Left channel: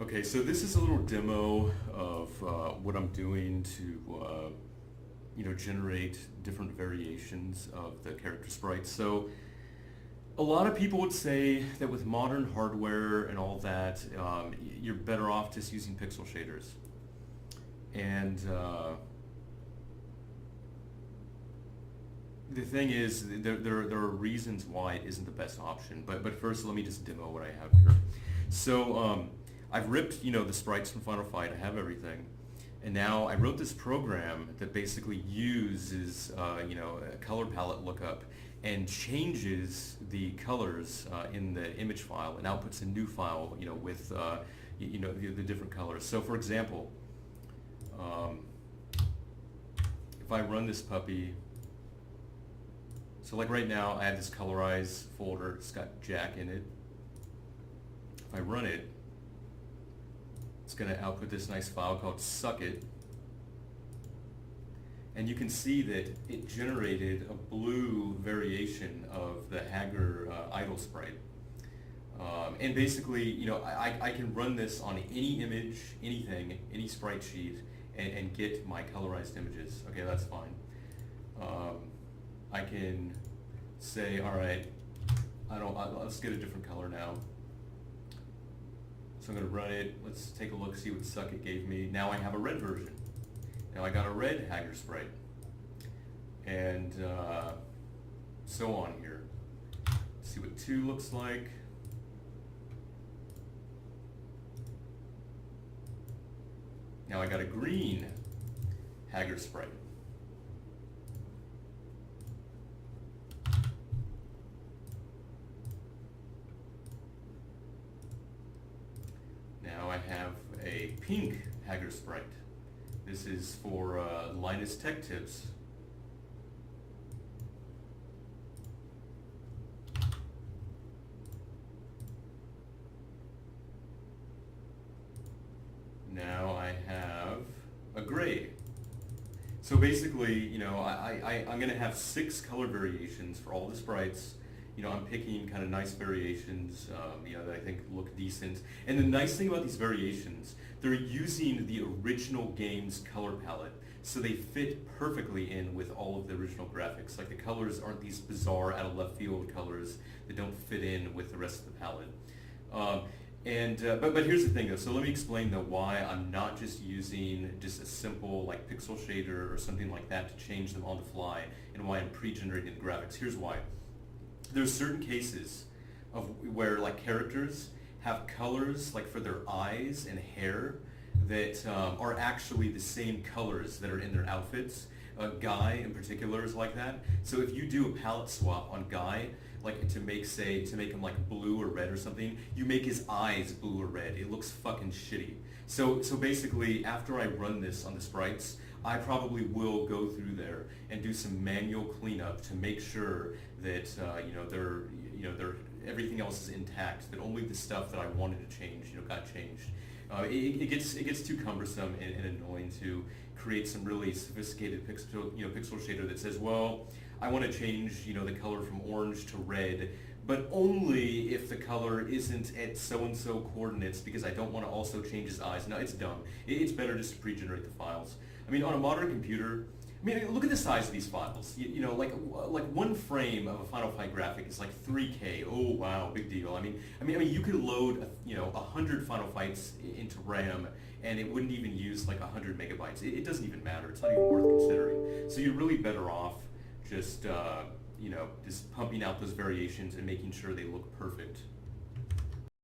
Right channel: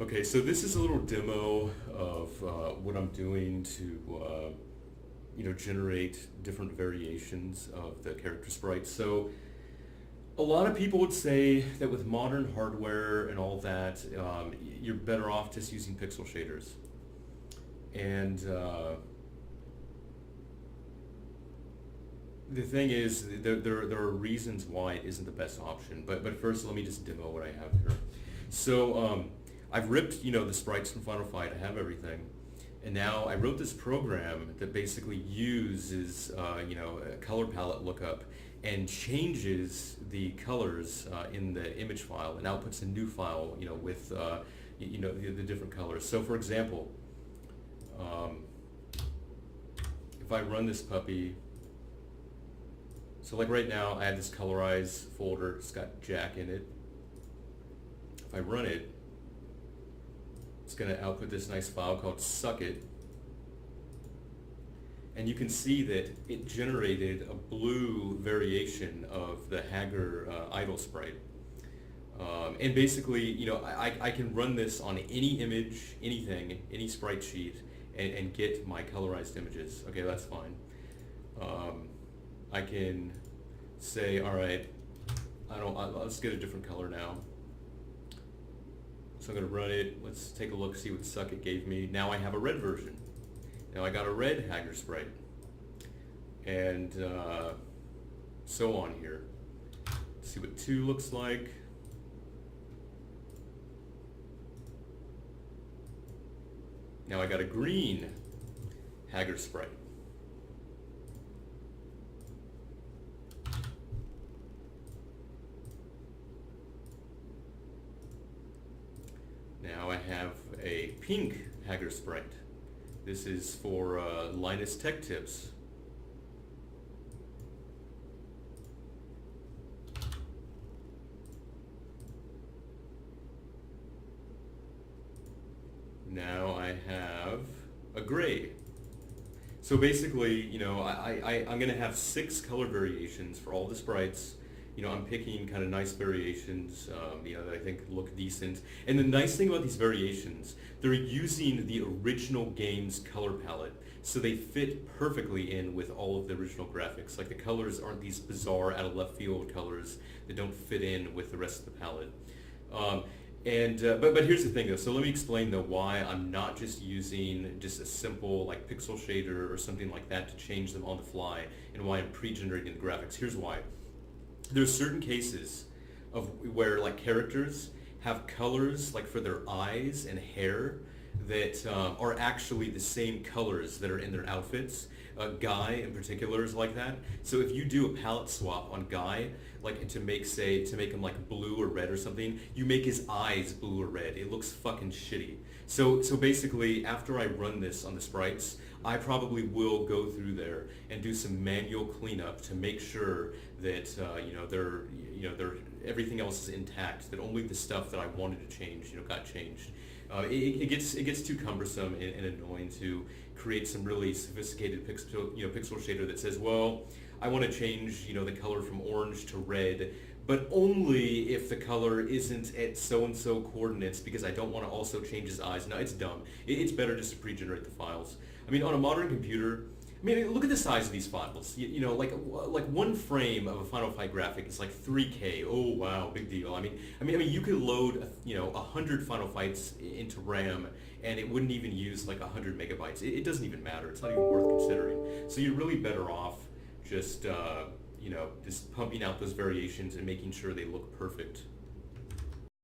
Okay, so this is a little demo of what I'm doing to, generate different variations of the character sprites. So a lot of people would say that with modern hardware and all that, you're better off just using pixel shaders. And the thing is, there are reasons why it isn't the best option. But first, let me just demo what I have here. So I've ripped, the sprites from Final Fight. I have everything. And now I wrote this program that basically uses, a color palette lookup and changes the colors in the image file and outputs a new file, with, the different colors. So for example, if I run this puppy, so like right now I have this colorize folder, it's got Jack in it. If I run it, it's going to output this nice file called Suck It. And you can see that it generated a blue variation of the Hager idle sprite. And basically, I can run this on any image, anything, any sprite sheet, and get my colorized images. Okay, that's fine. I can say, all right, let's get a different color now. So I'm going to run it. Let's take a look, see what Suck It gave me. Now I have a red version. Now I got a red Hager sprite. And so on here. Let's see what 2 looks like. Now I got a green Hager sprite. Now I have a pink Hager sprite. This is for Linus Tech Tips. Now I have a gray. So basically, I'm going to have 6 color variations for all the sprites. I'm picking kind of nice variations, that I think look decent. And the nice thing about these variations, they're using the original game's color palette, so they fit perfectly in with all of the original graphics. Like the colors aren't these bizarre out of left field colors that don't fit in with the rest of the palette. But here's the thing though, so let me explain though why I'm not just using just a simple like pixel shader or something like that to change them on the fly, and why I'm pre-generating the graphics. Here's why. There's certain cases of where like characters have colors like for their eyes and hair that are actually the same colors that are in their outfits. Guy in particular is like that. So if you do a palette swap on Guy, like to make him like blue or red or something, you make his eyes blue or red. It looks fucking shitty. So basically, after I run this on the sprites, I probably will go through there and do some manual cleanup to make sure that everything else is intact. That only the stuff that I wanted to change, got changed. It gets too cumbersome and annoying to create some really sophisticated pixel shader that says, well, I want to change the color from orange to red, but only if the color isn't at so-and-so coordinates, because I don't want to also change his eyes. No, it's dumb. It's better just to pre-generate the files. I mean, on a modern computer, look at the size of these files. Like one frame of a Final Fight graphic is like 3K. Oh wow, big deal. I mean, you could load 100 Final Fights into RAM, and it wouldn't even use like 100 megabytes. It doesn't even matter. It's not even worth considering. So you're really better off just just pumping out those variations and making sure they look perfect.